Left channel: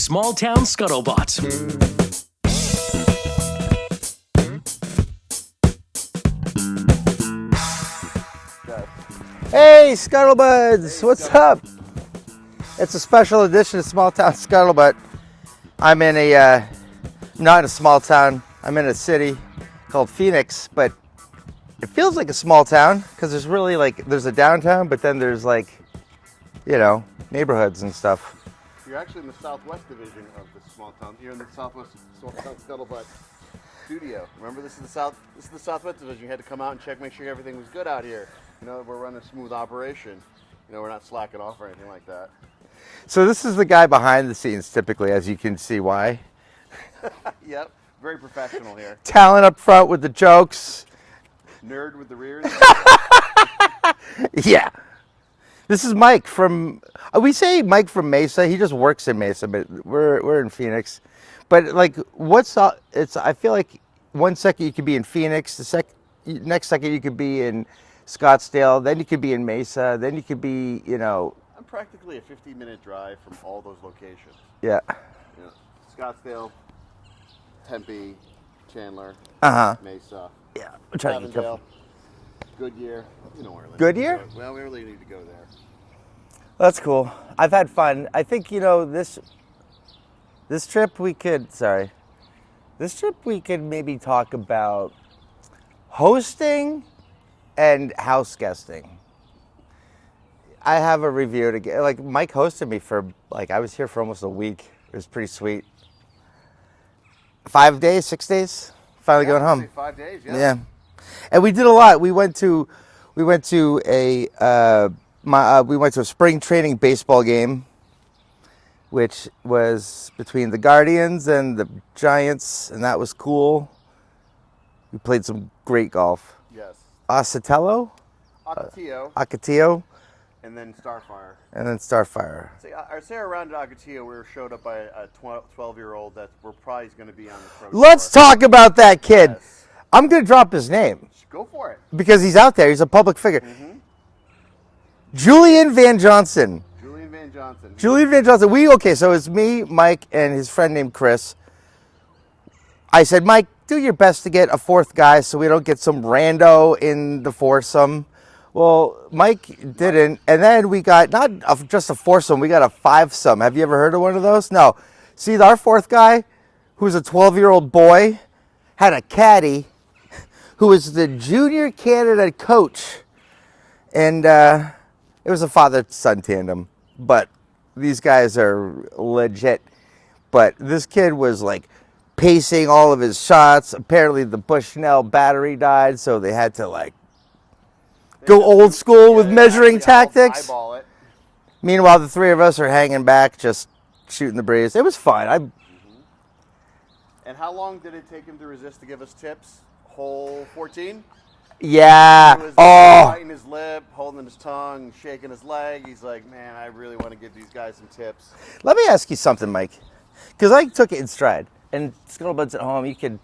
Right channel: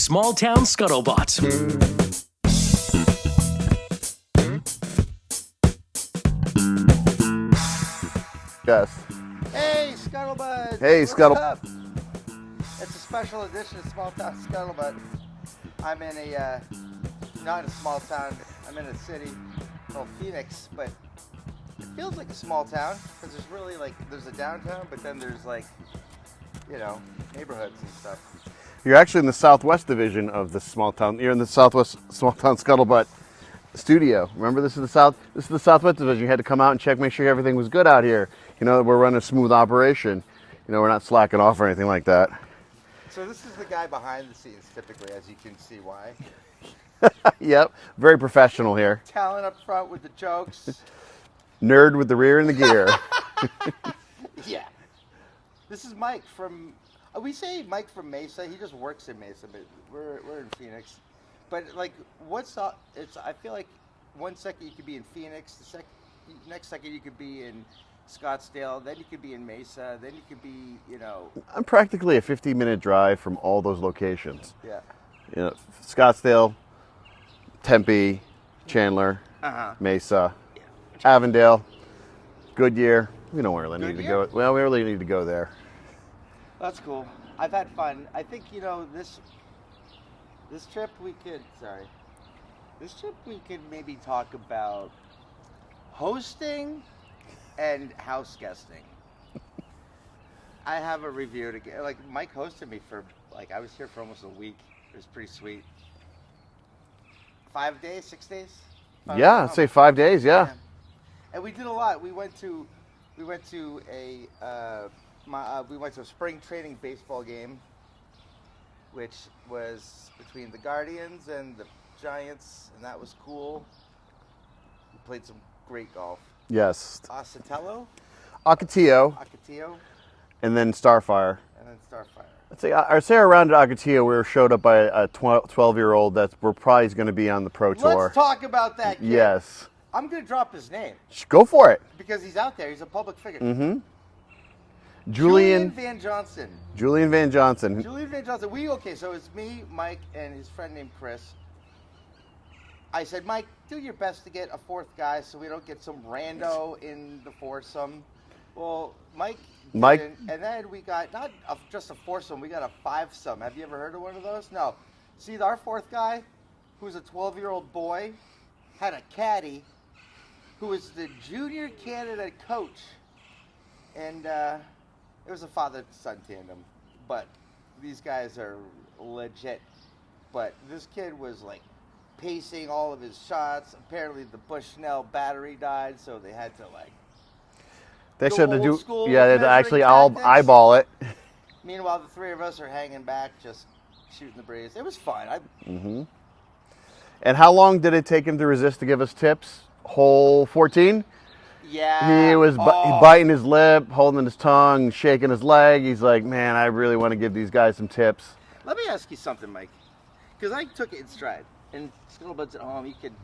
Small Town Scuttlebutt. Yes. Hey, Scuttlebuds! Hey, What's up? It's a special edition of Small Town Scuttlebutt. I'm in not in a small town. I'm in a city called Phoenix, but it feels like a small town because there's really there's a downtown, but then there's neighborhoods and stuff. You're actually in the Southwest division of the small town. You're in the Southwest Small Town Scuttlebutt studio. Remember, this is the Southwest division. You had to come out and check, make sure everything was good out here. You know, we're running a smooth operation. You know, we're not slacking off or anything like that. So this is the guy behind the scenes, typically, as you can see why. Yep, very professional here. Talent up front with the jokes. Nerd with the rear and the gear. Yeah. This is Mike from, we say Mike from Mesa. He just works in Mesa, but we're in Phoenix. But I feel like 1 second you could be in Phoenix, next second you could be in Scottsdale, then you could be in Mesa, then you could be, I'm practically a 50-minute drive from all those locations. Yeah. You know, Scottsdale, Tempe, Chandler, Mesa, Avondale, Goodyear. We don't really need to go. Well, we really need to go there. That's cool. I've had fun. I think, this trip we could maybe talk about hosting and house guesting. I have a review to get. Mike hosted me for I was here for almost a week. It was pretty sweet. 5 days, 6 days. I'd say 5 days. Yeah. And we did a lot. We went to a spring training baseball game, which was between the Guardians and the Giants, and that was cool. We played some great golf. Yes. Ocotillo, and then Starfire. I'd say around at Ocotillo, we were showed up by a 12-year-old that we're probably going to be on the pro tour. Let's talk about that kid. Yes. I'm going to drop his name. Go for it. Because he's out there. He's a public figure. Mm-hmm. Julian Van Johnson. So it's me, Mike, and his friend named Chris. I said, Mike, do your best to get a fourth guy so we don't get some rando in the foursome. Well, Mike didn't. And then we got not just a foursome, we got a fivesome. Have you ever heard of one of those? No. See, our fourth guy, who's a 12-year-old boy, had a caddy who was the junior Canada coach. And it was a father-son tandem. But these guys are legit. But this kid was pacing all of his shots. Apparently the Bushnell battery died, so they had to go old school with measuring tactics. Eyeball it. Meanwhile, the three of us are hanging back, just shooting the breeze. It was fun. And how long did it take him to resist to give us tips? Hole 14? Yeah. He was biting his lip, holding his tongue, shaking his leg. He's like, man, I really want to give these guys some tips. Let me ask you something, Mike, because I took it in stride. And Scuttlebuds at home, you can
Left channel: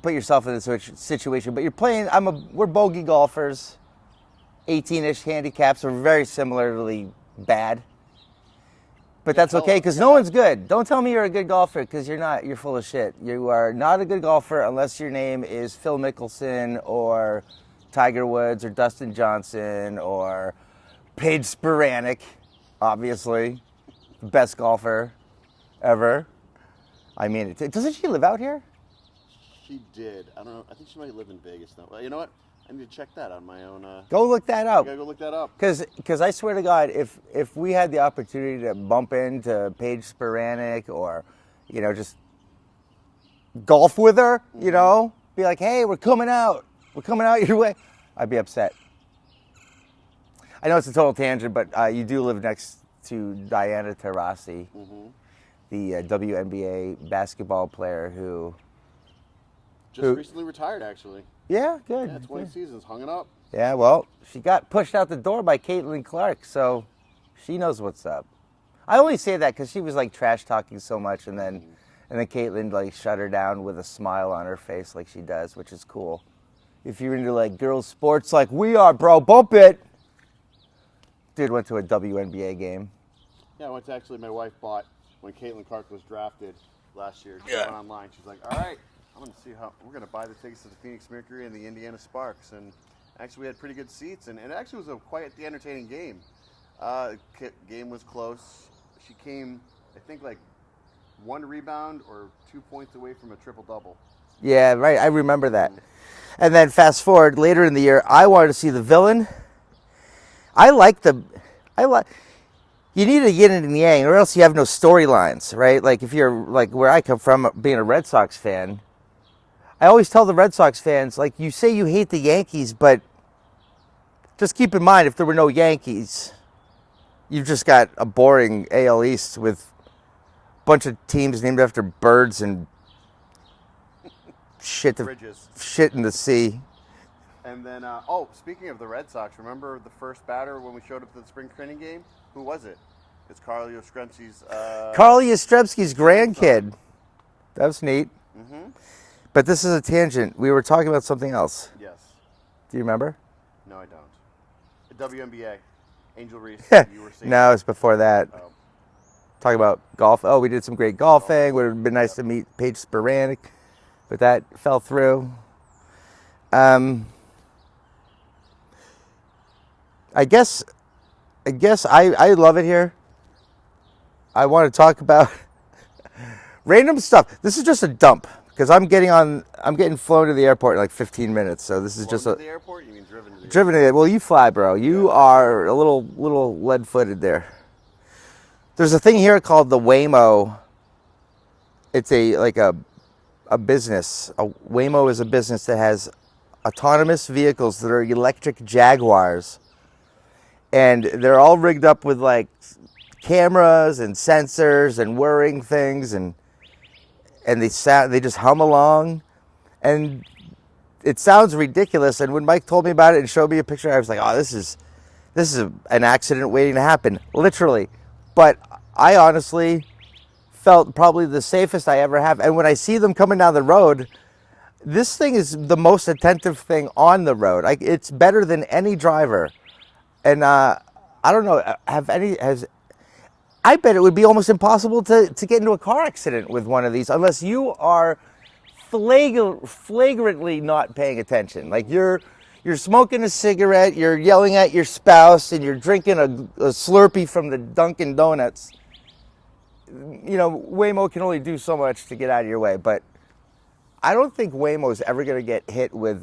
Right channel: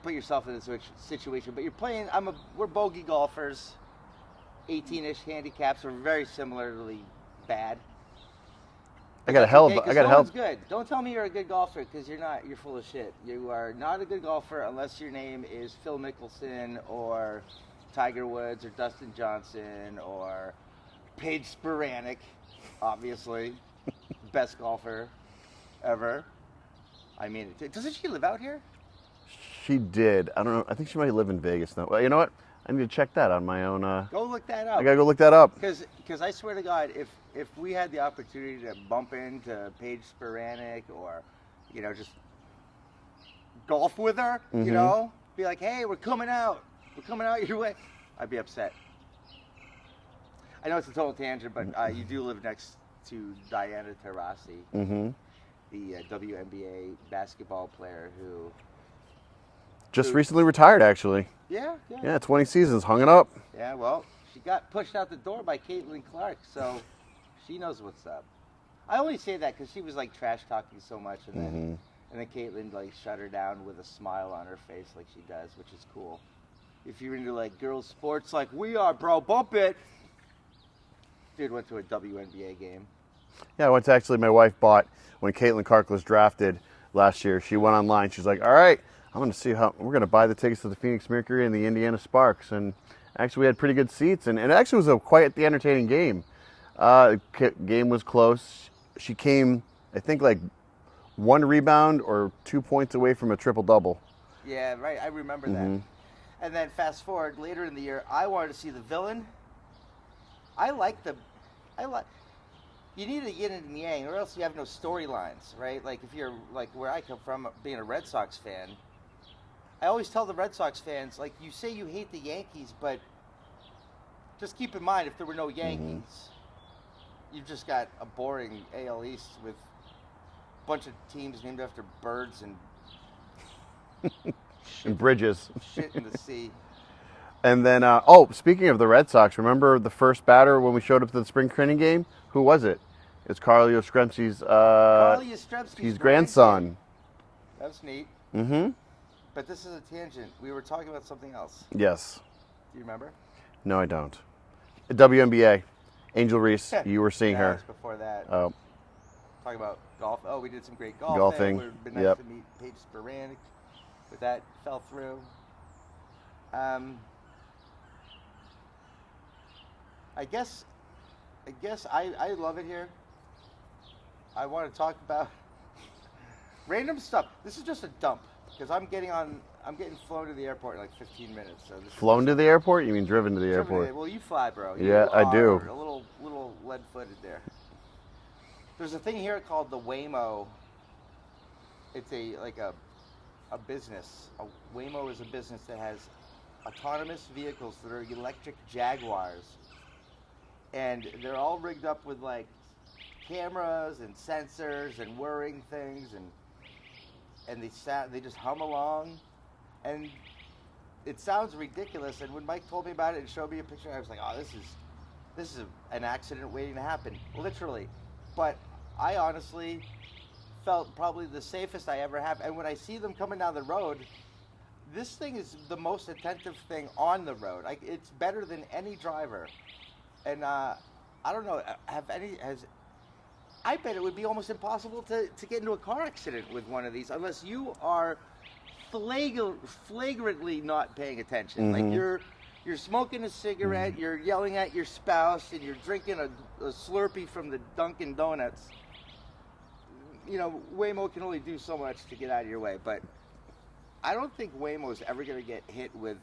put yourself in this situation, but you're playing. We're bogey golfers, 18-ish handicaps are very similarly bad. But that's okay because no one's good. Don't tell me you're a good golfer because you're not. You're full of shit. You are not a good golfer unless your name is Phil Mickelson or Tiger Woods or Dustin Johnson or Paige Spiranek, obviously, best golfer ever. I mean, doesn't she live out here? She did. I don't know. I think she might live in Vegas now. Well, you know what? I need to check that on my own. Go look that up. I gotta go look that up. Because I swear to God, if we had the opportunity to bump into Paige Spiranek or, just golf with her, be like, hey, we're coming out your way, I'd be upset. I know it's a total tangent, but you do live next to Diana Taurasi, the WNBA basketball player who just recently retired, actually. Yeah, good. Yeah, 20 seasons, hung it up. Yeah, well, she got pushed out the door by Caitlin Clark, so she knows what's up. I only say that because she was trash talking so much, and then Caitlin shut her down with a smile on her face like she does, which is cool. If you're into girls sports like we are, bro, bump it. Dude went to a WNBA game. Yeah, I went to actually, my wife bought, when Caitlin Clark was drafted last year, she went online, she's like, all right, I'm going to see how, we're going to buy the tickets to the Phoenix Mercury and the Indiana Sparks. And actually we had pretty good seats, and it actually was a quite the entertaining game. Game was close. She came, I think, like 1 rebound or 2 points away from a triple-double. Yeah, right. I remember that. And then fast forward later in the year, I wanted to see the villain. You need a yin and a yang, or else you have no storylines, right? Like if you're like where I come from, being a Red Sox fan, I always tell the Red Sox fans, like, you say you hate the Yankees, but just keep in mind, if there were no Yankees, you've just got a boring AL East with a bunch of teams named after birds and shit in the sea. And then, speaking of the Red Sox, remember the first batter when we showed up to the spring training game? Who was it? It's Carl Yastrzemski's grandkid. That was neat. Mm-hmm. But this is a tangent. We were talking about something else. Yes. Do you remember? No, I don't. WNBA. Angel Reese, you were seeing No, her. it's before that. Oh. Talking about golf. Oh, we did some great golfing. Would have been nice to meet Paige Spiranek, but that fell through. I guess I love it here. I want to talk about random stuff. This is just a dump because I'm getting flown to the airport in like 15 minutes. So this is Flown just to the airport? You mean driven to the driven airport? to the. Well, you fly, bro. You Yeah, I are do. a little lead-footed there. There's a thing here called the Waymo. It's a business. Waymo is a business that has autonomous vehicles that are electric Jaguars. And they're all rigged up with like cameras and sensors and whirring things, and they just hum along, and it sounds ridiculous. And when Mike told me about it and showed me a picture, I was like, oh, this is an accident waiting to happen, literally. But I honestly felt probably the safest I ever have. And when I see them coming down the road, this thing is the most attentive thing on the road. It's better than any driver. And I don't know, I bet it would be almost impossible to get into a car accident with one of these unless you are flagrantly not paying attention. Mm-hmm. Like you're smoking a cigarette, you're yelling at your spouse, and you're drinking a Slurpee from the Dunkin' Donuts. You know, Waymo can only do so much to get out of your way, but I don't think Waymo's ever going to get hit with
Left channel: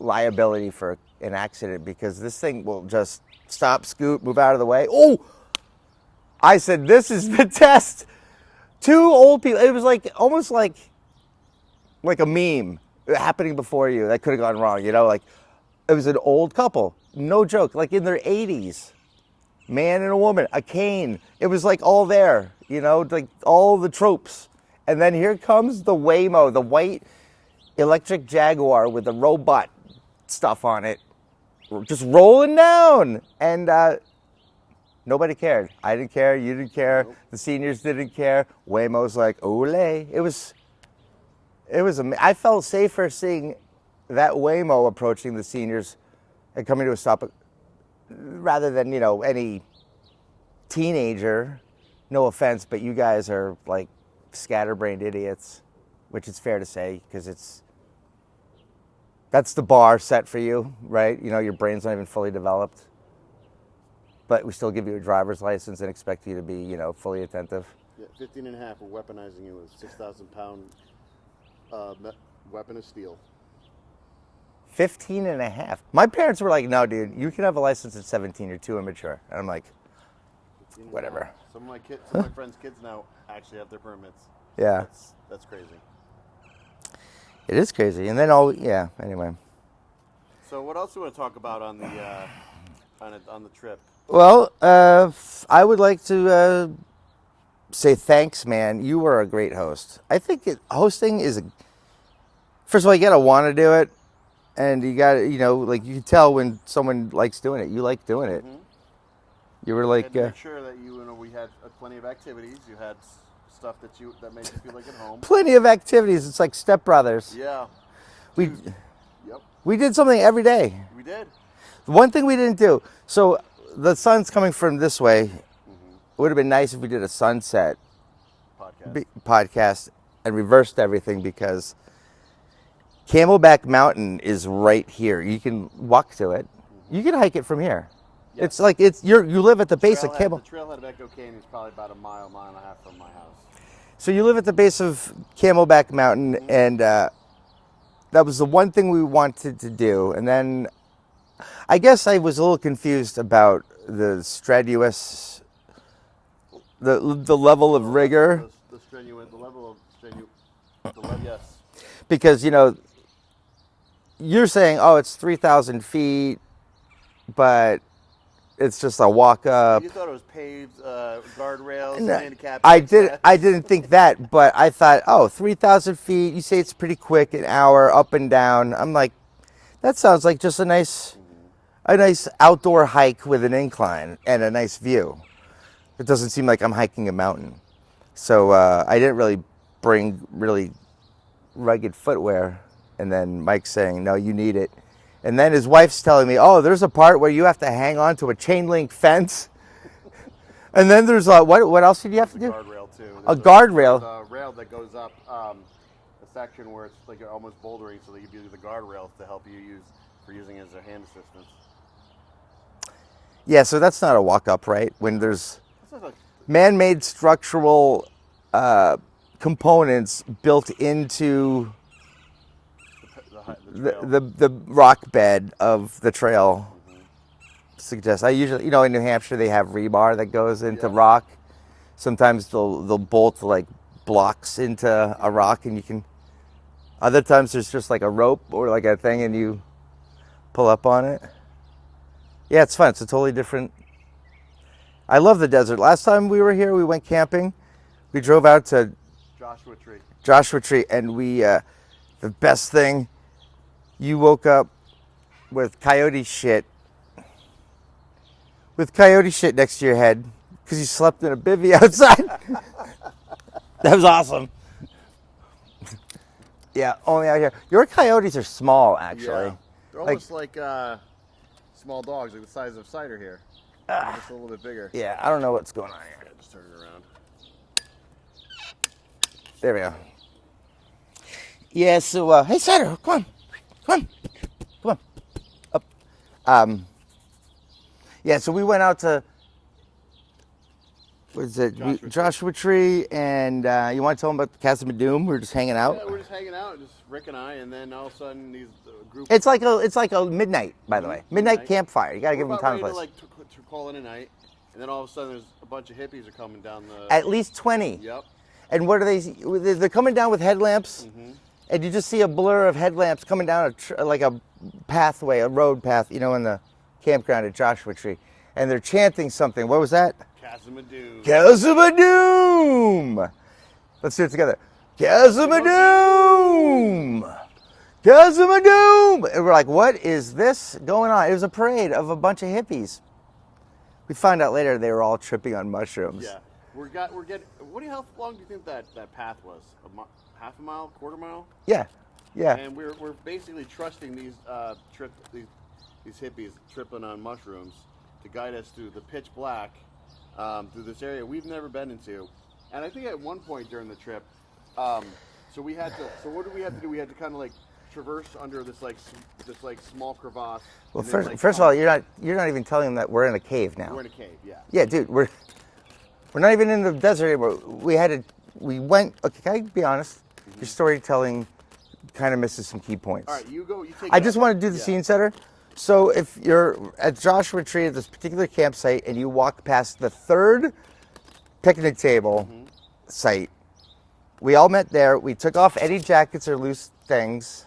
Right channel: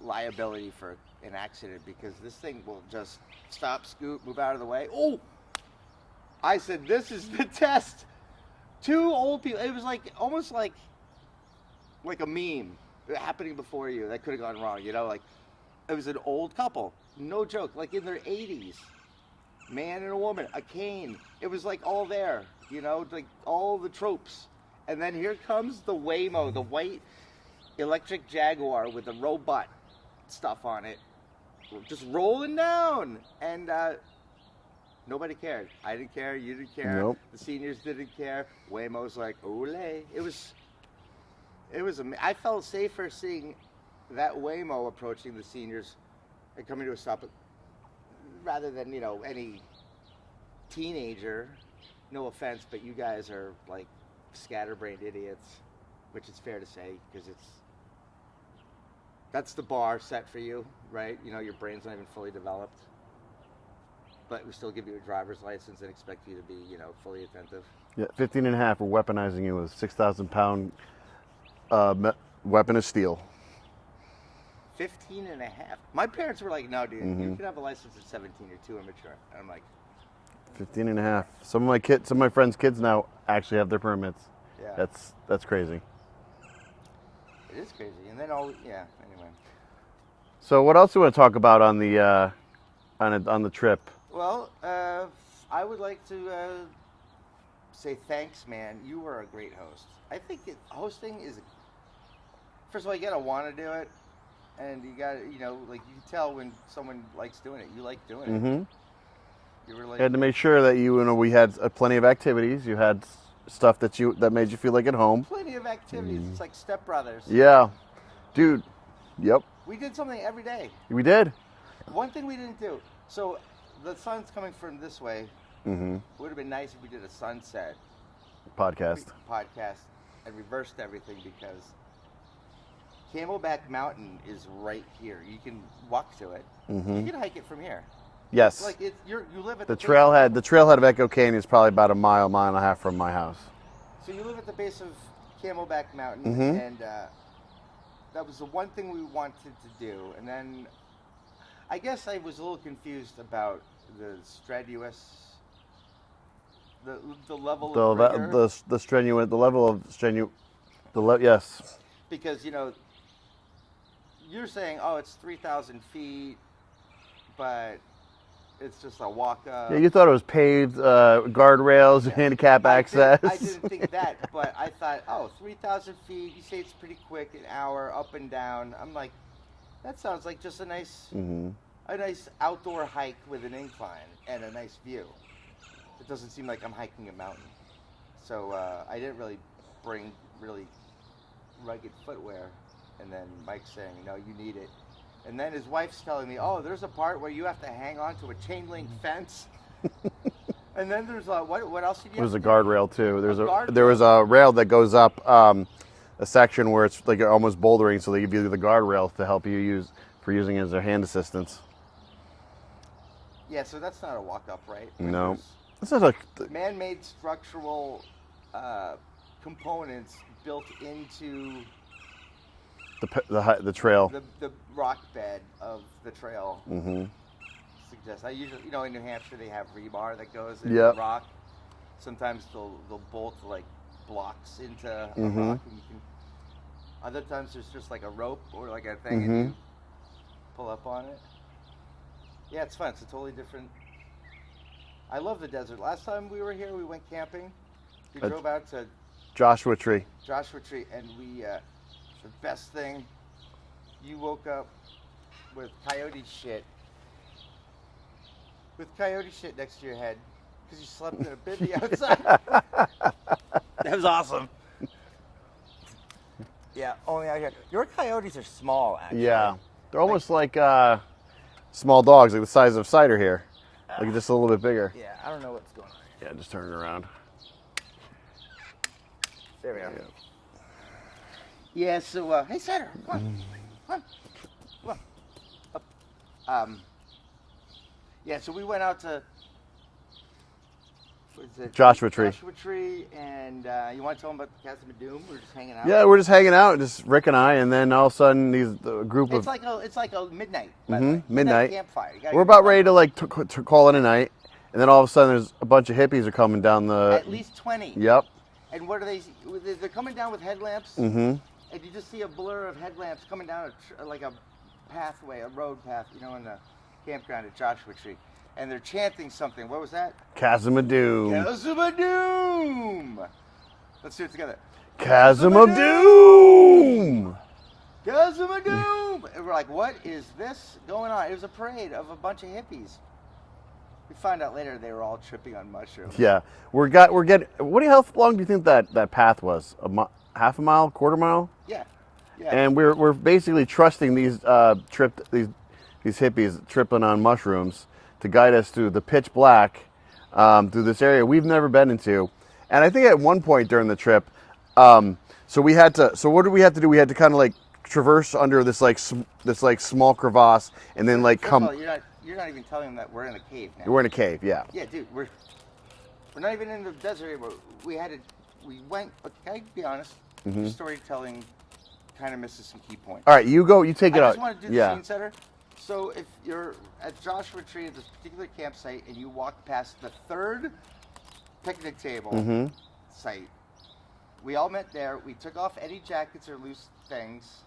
liability for an accident, because this thing will just stop, scoot, move out of the way. Oh, I said, this is the test. 2 old people. It was like almost like a meme happening before you that could have gone wrong. You know, like it was an old couple, no joke, like in their 80s, man and a woman, a cane. It was like all there, you know, like all the tropes. And then here comes the Waymo, the white electric Jaguar with the robot stuff on it, just rolling down. And nobody cared. I didn't care. You didn't care. Nope. The seniors didn't care. Waymo's like, ole. It was I felt safer seeing that Waymo approaching the seniors and coming to a stop rather than, you know, any teenager. No offense, but you guys are like scatterbrained idiots, which is fair to say, because that's the bar set for you, right? You know, your brain's not even fully developed, but we still give you a driver's license and expect you to be, you know, fully attentive. Yeah, 15 and a half, we're weaponizing you with a 6,000-pound weapon of steel. 15 and a half. My parents were like, no, dude, you can have a license at 17, you're too immature. And I'm like, 15 and a whatever. half. Some of my friends' kids now actually have their permits. Yeah. That's crazy. It is crazy. And then anyway. So what else do you want to talk about on the on the trip? Well, I would like to say thanks, man. You were a great host. I think hosting is first of all, you got to want to do it. And you got to, you know, like you can tell when someone likes doing it. You like doing it. Mm-hmm. You were like, You had to make sure that we had plenty of activities. You had stuff that made you feel like at home. plenty of activities. It's like Step Brothers. Yeah, dude. Yep, We did something every day. we did. One thing we didn't do. So the sun's coming from this way, It would have been nice if we did a sunset Podcast. and reversed everything, because Camelback Mountain is right here. You can walk to it. You can hike it from here. Yes. It's like you live at the base of The trailhead of Echo Canyon is probably about a mile and a half from my house. So you live at the base of Camelback Mountain, and that was the one thing we wanted to do. And then I guess I was a little confused about the strenuous, the level of rigor. Yes. Because, you're saying, oh, it's 3,000 feet, but it's just a walk up. You thought it was paved guardrails and handicap access. I didn't think that, but I thought, 3,000 feet, you say it's pretty quick, an hour up and down. I'm like, that sounds like just a nice outdoor hike with an incline and a nice view. It doesn't seem like I'm hiking a mountain. So I didn't really bring really rugged footwear. And then Mike's saying, no, you need it. And then his wife's telling me, oh, there's a part where you have to hang on to a chain link fence. And then there's what else did you have to do? There's a guardrail too. Guardrail. There's a rail that goes up a section where it's like almost bouldering, so they give you the guardrail to help you using it as a hand assistance. Yeah, so that's not a walk up, right? When No. there's This is a man-made structural components built into the trail. the rock bed of the trail. Suggest I usually, in New Hampshire they have rebar that goes into rock. Sometimes they'll bolt like blocks into a rock, and you can. Other times there's just like a rope or like a thing, and you pull up on it. Yeah, it's fun. It's a totally different. I love the desert. Last time we were here, we went camping. We drove out to Joshua Tree. And we. The best thing, you woke up with coyote shit. With coyote shit next to your head because you slept in a bivvy outside. That was awesome. Yeah, only out here. Your coyotes are small, actually. Yeah, they're almost like small dogs, like the size of Cider here. Like just a little bit bigger. Yeah, I don't know what's going on here. Yeah, just turn it around. There we go. Yeah, so, hey, Cider, come on, up. Yeah, so we went out to, what is it? Joshua Tree, and you want to tell them about the Chasm of Doom? We were just hanging out. Yeah, we're just hanging out, just Rick and I, and then all of a sudden a group It's like a midnight, by the way. Midnight campfire. You gotta we're about ready to call it a night, and then all of a sudden there's a bunch of hippies are coming down the. At least 20. Yep. And what are they? They're coming down with headlamps. And you just see a blur of headlamps coming down like a pathway, a road path, in the campground at Joshua Tree. And they're chanting something. What was that? Chasm of Doom. Chasm of Doom! Let's do it together. Chasm of Doom! Chasm of Doom! And we're like, what is this going on? It was a parade of a bunch of hippies. We found out later they were all tripping on mushrooms. Yeah. We're getting. How long do you think that path was? Half a mile, quarter mile? Yeah. And we're basically trusting these hippies tripping on mushrooms to guide us through the pitch black through this area we've never been into. And I think at one point during the trip, so what did we have to do? We had to kind of like traverse under this small crevasse, and then first of all, you're not even telling them that we're in a cave now. We're in a cave, yeah. Yeah, dude, we're not even in the desert anymore. We went. Okay, can I be honest? Your storytelling kind of misses some key points. All right, you go. You take it. I just want to do the scene setter. So if you're at Joshua Tree at this particular campsite and you walk past the third picnic table site, we all met there. We took off any jackets or loose things,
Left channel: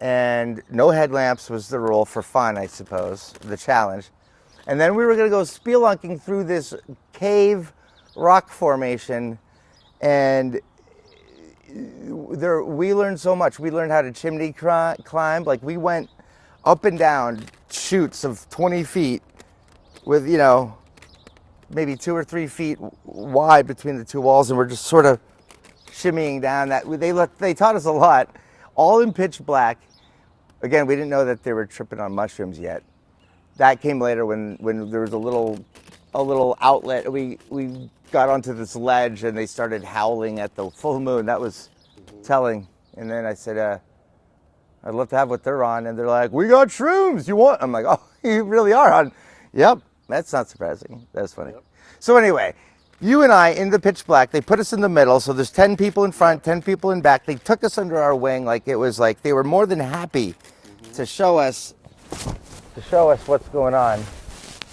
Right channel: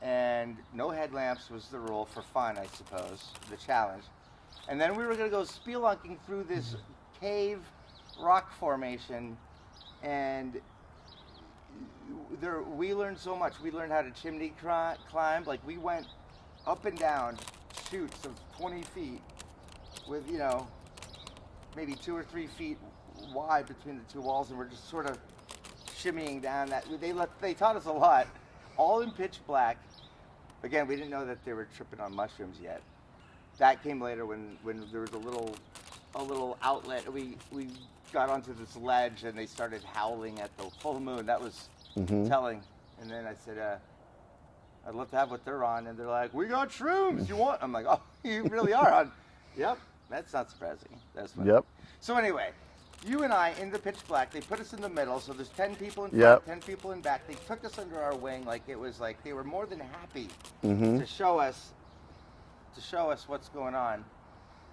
and no headlamps was the rule for fun, I suppose, the challenge. And then we were going to go spelunking through this cave rock formation, and we learned so much. We learned how to chimney climb. Like, we went up and down chutes of 20 feet with, maybe 2 or 3 feet wide between the two walls, and we're just sort of shimmying down that. They taught us a lot, all in pitch black. Again, we didn't know that they were tripping on mushrooms yet. That came later when there was a little a little outlet. We got onto this ledge and they started howling at the full moon. That was telling. And then I said, I'd love to have what they're on. And they're like, we got shrooms. You want? I'm like, oh, you really are on. Yep. That's not surprising. That's funny. Yep. So anyway, you and I in the pitch black, they put us in the middle. So there's 10 people in front, 10 people in back. They took us under our wing. Like it was like, they were more than happy to show us what's going on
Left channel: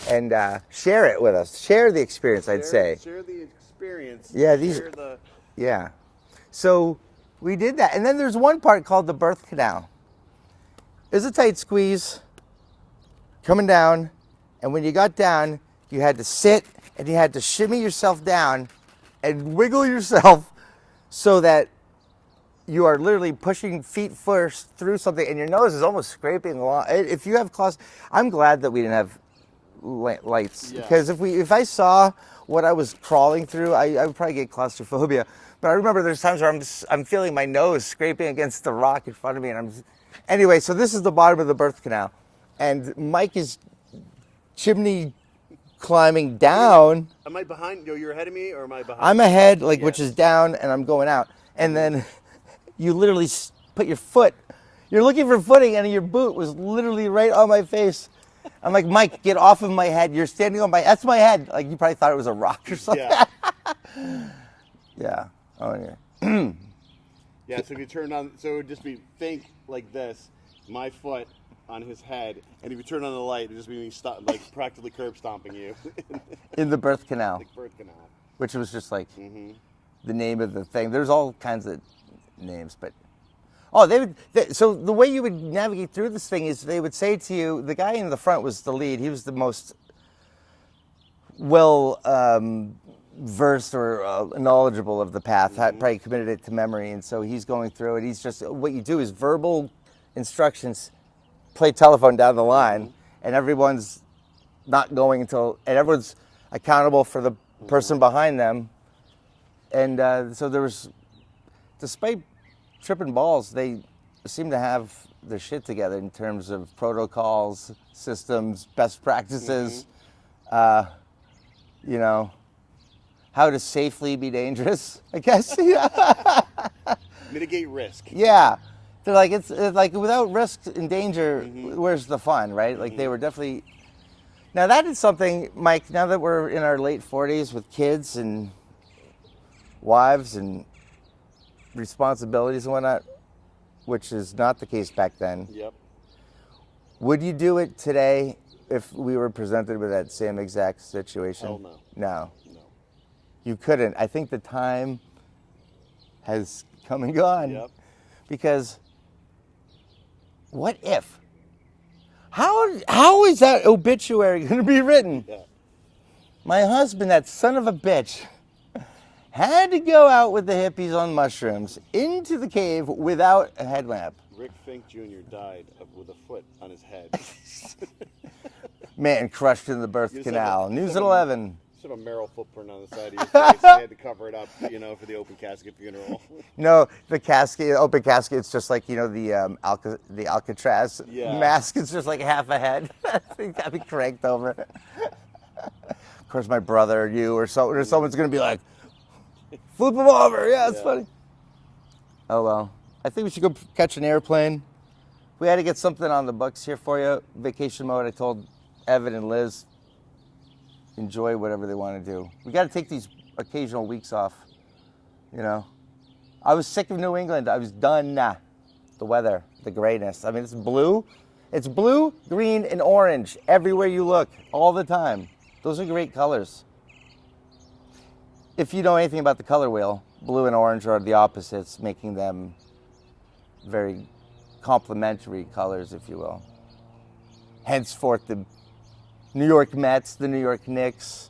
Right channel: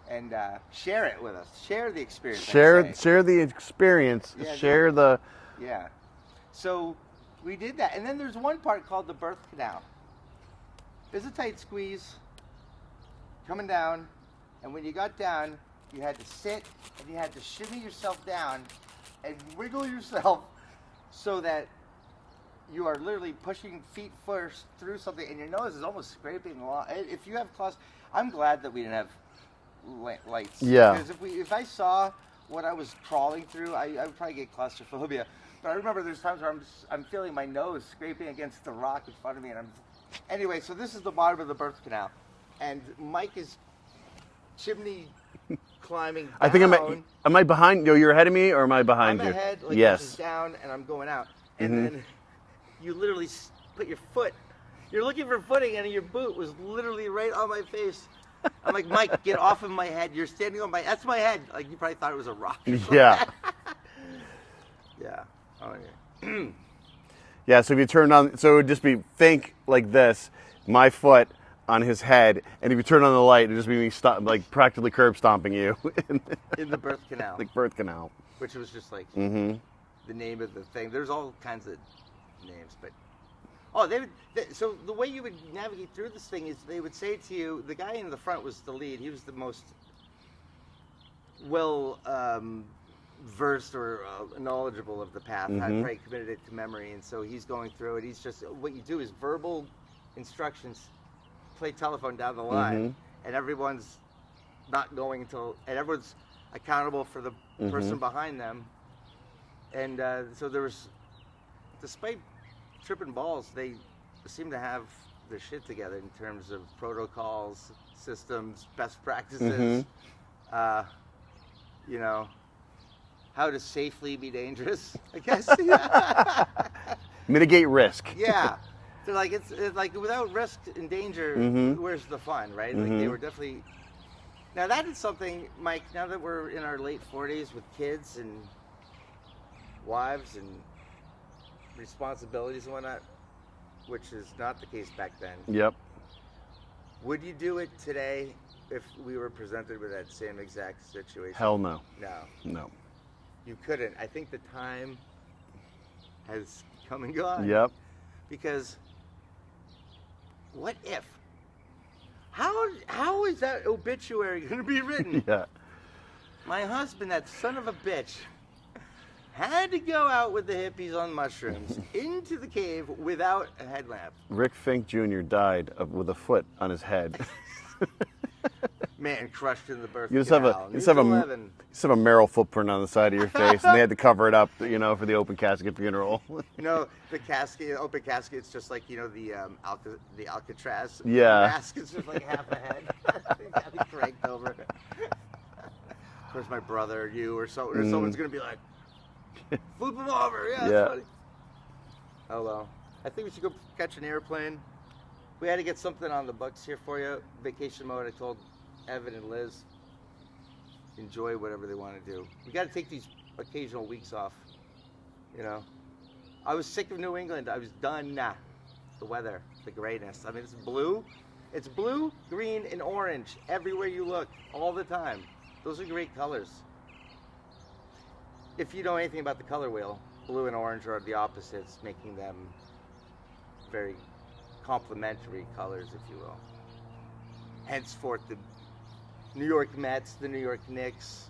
and share it with us. Share the experience, I'd say. Share the experience. Yeah, share the... Yeah. So we did that. And then there's one part called the birth canal. It was a tight squeeze coming down. And when you got down, you had to sit and you had to shimmy yourself down and wiggle yourself so that you are literally pushing feet first through something and your nose is almost scraping along. If you have I'm glad that we didn't have lights. Yeah. Because if I saw what I was crawling through, I would probably get claustrophobia. But I remember there's times where I'm feeling my nose scraping against the rock in front of me. Anyway, so this is the bottom of the birth canal. And Mike is chimney climbing down. Am I behind? You're ahead of me, or am I behind? I'm you? ahead, Yes. which is down, and I'm going out. And then you literally put your foot. You're looking for footing, and your boot was literally right on my face. I'm like, Mike, get off of my head. You're standing on that's my head. Like you probably thought it was a rock or something. Yeah. Yeah. Oh yeah. Yeah. So if you turn on, so it would just be think like this, my foot on his head, and if you turn on the light, it'd just be me like practically curb stomping you In the birth canal. like birth canal. Which was just like the name of the thing. There's all kinds of names, but so the way you would navigate through this thing is they would say to you, the guy in the front was the lead. He was the most well versed or knowledgeable of the path. Had probably committed it to memory, and so he's going through it. He's just what you do is verbal instructions, play telephone down the line, and everyone's not going and everyone's accountable for the person behind them. And so there was, despite tripping balls, they seem to have their shit together in terms of protocols, systems, best practices, you know, how to safely be dangerous, I guess. Mitigate risk. Yeah. They're like, it's like without risk and danger, where's the fun, right? Like they were definitely. Now that is something, Mike, now that we're in our late 40s with kids and wives and responsibilities and whatnot, which is not the case back then. Yep. Would you do it today if we were presented with that same exact situation? Hell no. No. No. You couldn't. I think the time has come and gone. Yep. Because what if? How is that obituary going to be written? Yeah. My husband, that son of a bitch, had to go out with the hippies on mushrooms into the cave without a headlamp. Rick Fink Jr. died with a foot on his head. Man, crushed in the birth canal. News have 11. You just have a Merrill footprint on the side of your face, and they had to cover it up, for the open casket funeral. No, the casket, open casket, it's just like, the Alcatraz mask. It's just like half a head. I think that'd be cranked over. Of course, my brother or you or someone's going to be like, flip him over. Yeah, it's funny. Oh, well. I think we should go catch an airplane. We had to get something on the books here for you. Vacation mode, I told Evan and Liz, enjoy whatever they want to do. We got to take these occasional weeks off, I was sick of New England. I was done. The weather, the grayness. I mean, it's blue. It's blue, green, and orange everywhere you look, all the time. Those are great colors. If you know anything about the color wheel, blue and orange are the opposites, making them very complementary colors, if you will. Henceforth, the New York Mets, the New York Knicks.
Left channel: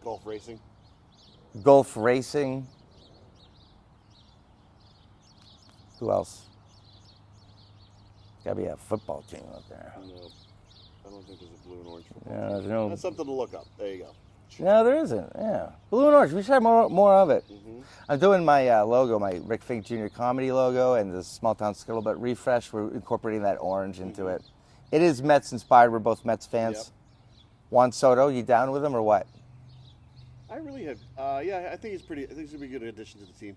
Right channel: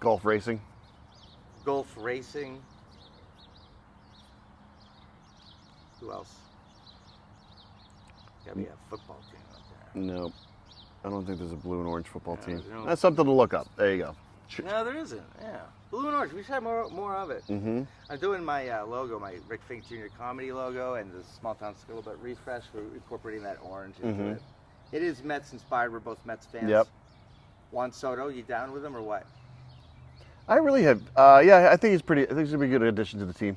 Golf racing. Golf racing. Who else? Gotta be a football team up there. No, I don't think there's a blue and orange football Yeah, team. no. That's something to look up. There you go. No, there isn't. Yeah, blue and orange. We should have more of it. I'm doing my logo, my Rick Fink Jr. comedy logo, and the Small Town Scuttlebutt refresh. We're incorporating that orange into it. It is Mets inspired. We're both Mets fans. Yep. Juan Soto, you down with him or what? I really have. Yeah, I think he's pretty. I think he's gonna be a good addition to the team.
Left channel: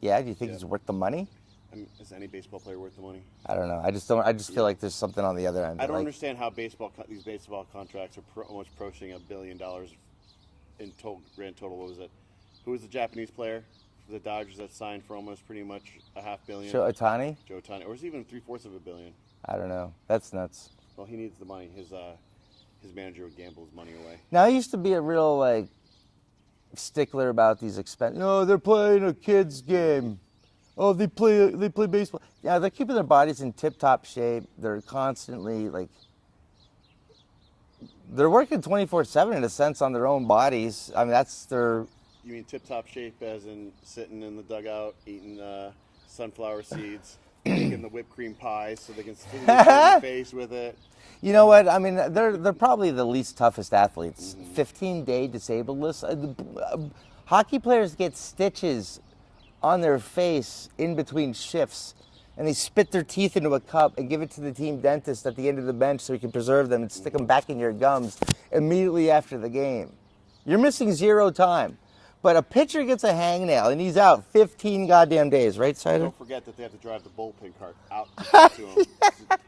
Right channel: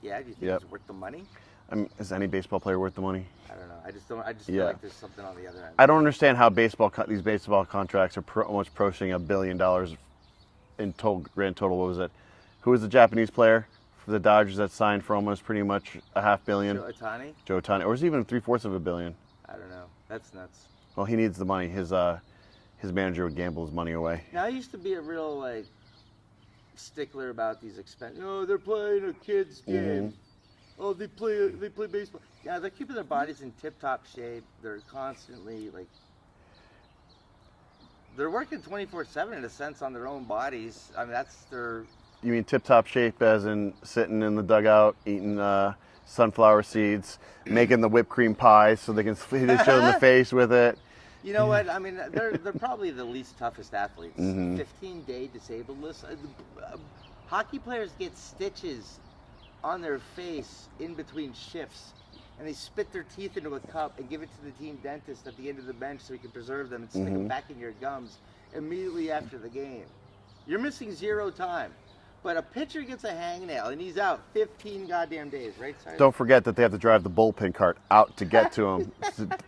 Yeah, do you think Yep. he's worth the money? I mean, is any baseball player worth the money? I don't know. I just don't. I just feel Yeah. like there's something on the other end. I don't Like, understand how these baseball contracts are almost approaching $1 billion in total, grand total. What was it? Who was the Japanese player for the Dodgers that signed for almost pretty much a $500 million? Joe Ohtani? Joe Ohtani, or was it even 3/4 of $1 billion? I don't know. That's nuts. Well, he needs the money. His manager would gamble his money away. Now I used to be a real like stickler about these expenses. No, they're playing a kids game. Oh, they play baseball. Yeah, they're keeping their bodies in tip-top shape. They're constantly like they're working 24/7 in a sense on their own bodies. I mean, that's their. You mean tip-top shape as in sitting in the dugout, eating sunflower seeds, making the whipped cream pies so they can hit each other in the face with it. You know what? I mean, they're probably the least toughest athletes. 15-day disabled list. Hockey players get stitches on their face in between shifts, and they spit their teeth into a cup and give it to the team dentist at the end of the bench so he can preserve them and stick them back in your gums immediately after the game. You're missing 0 time. But a pitcher gets a hangnail and he's out 15 goddamn days, right, Sider? Don't forget that they have to drive the bullpen cart out to get to him.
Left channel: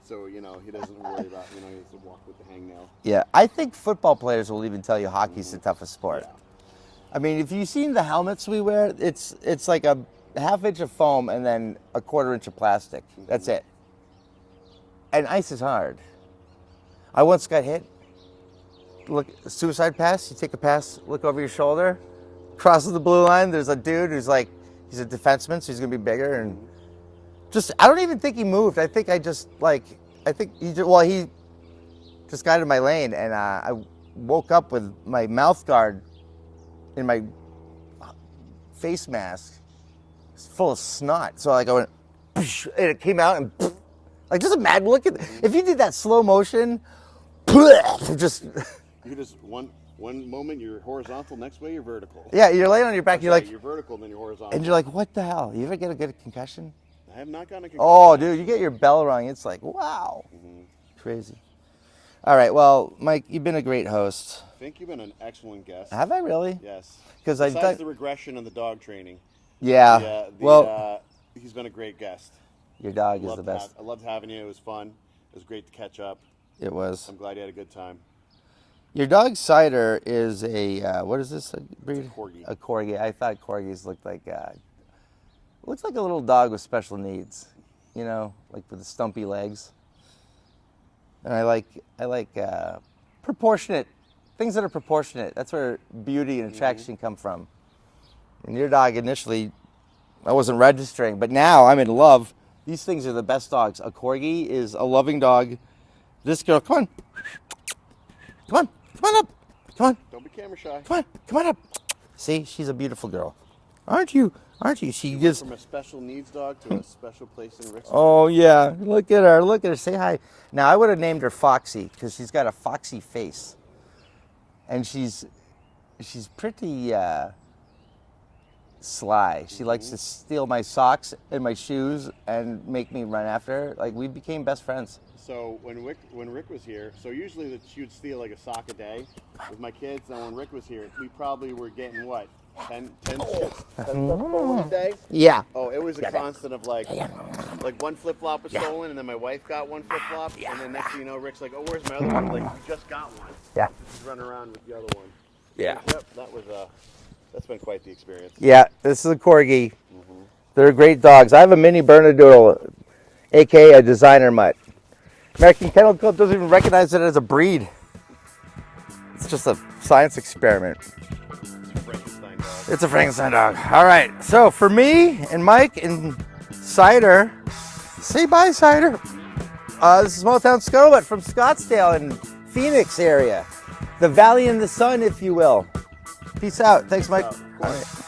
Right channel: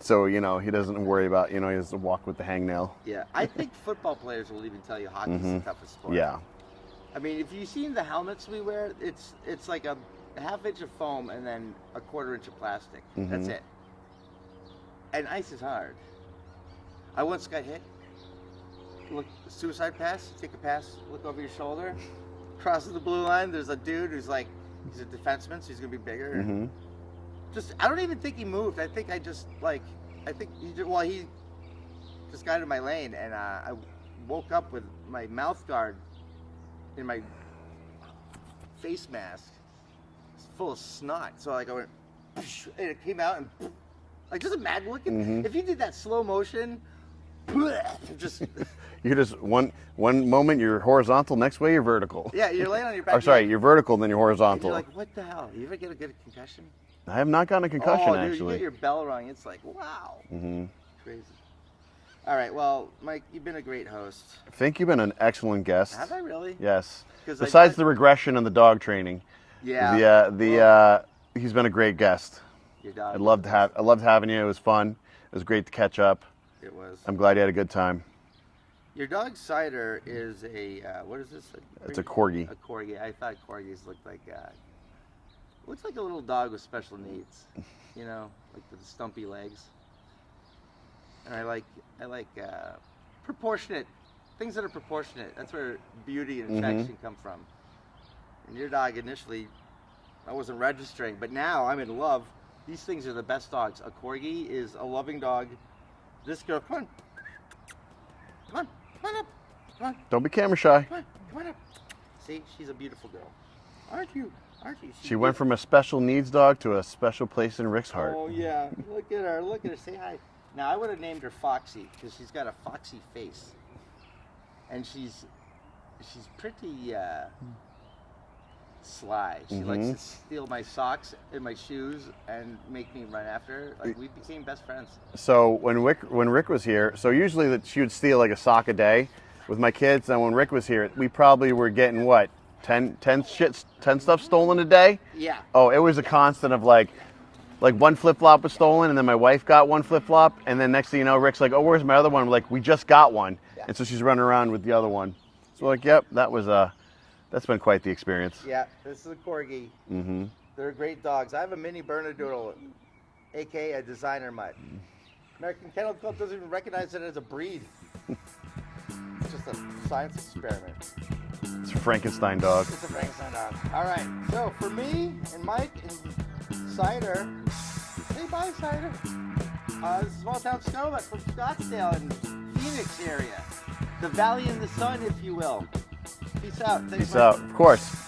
So, he doesn't worry about, he has to walk with the hangnail. Yeah, I think football players will even tell you hockey's the toughest sport. Yeah. I mean, if you've seen the helmets we wear, it's like a ½ inch of foam and then a ¼ inch of plastic. That's it. And ice is hard. I once got hit. Look, suicide pass, you take a pass, look over your shoulder, crosses the blue line, there's a dude who's like, he's a defenseman, so he's gonna be bigger, and I don't even think he moved. I think he just got in my lane, and I woke up with my mouth guard in my face mask full of snot. So like I went, and it came out and like just imagine looking. If you did that slow motion, just You just one moment you're horizontal, next way you're vertical. yeah, you're laying on your back. Oh, sorry, you're vertical and then you're horizontal. and you're like, what the hell? You ever get a concussion? I have not gotten a concussion. Oh, dude, actually. you get your bell rung. It's like, wow, crazy. All right, well, Mike, you've been a great host. I think you've been an excellent guest. Have I really? Yes. 'Cause Besides the regression and the dog training. Yeah. He's been a great guest. Your dog. I loved having you. It was fun. It was great to catch up. It was. I'm glad you had a good time. Your dog Cider is a what is this? It's a corgi. A corgi. I thought corgis looked like looks like a little dog with special needs. Like with the stumpy legs. And I like proportionate things that are proportionate. That's where beauty and attraction come from. And your dog initially, I wasn't registering, but now I'm in love. These things are the best dogs. A corgi is a loving dog. This girl, come on up, come on. Don't be camera shy. Come on up. See, she's a beautiful girl. Aren't you? She went from a special needs dog to a special place in Rick's heart. Oh yeah, look at her. Say hi. Now I would have named her Foxy because she's got a foxy face, and she's pretty sly. She likes to steal my socks and my shoes and make me run after her. Like we became best friends. So when Rick was here, so usually that she would steal like a sock a day with my kids, and when Rick was here, we probably were getting what? 10 stuff stolen a day? Yeah. Oh, it was a constant of like one flip-flop was stolen, and then my wife got one flip-flop, and then next thing you know, Rick's like, oh, where's my other one? I'm like, we just got one. Yeah. And so she's running around with the other one. So Yeah. like, yep, that's been quite the experience. Yeah, this is a corgi. They're great dogs. I have a mini Bernedoodle, aka a designer mutt. American Kennel Club doesn't even recognize it as a breed. It's just a science experiment. It's a Frankenstein dog. It's a Frankenstein dog. All right, so for me and Mike and Cider, say bye, Cider. This is Small Town Scuttlebutt from Scottsdale and Phoenix area. The Valley in the Sun, if you will. Peace out. Thanks, Mike. Of course.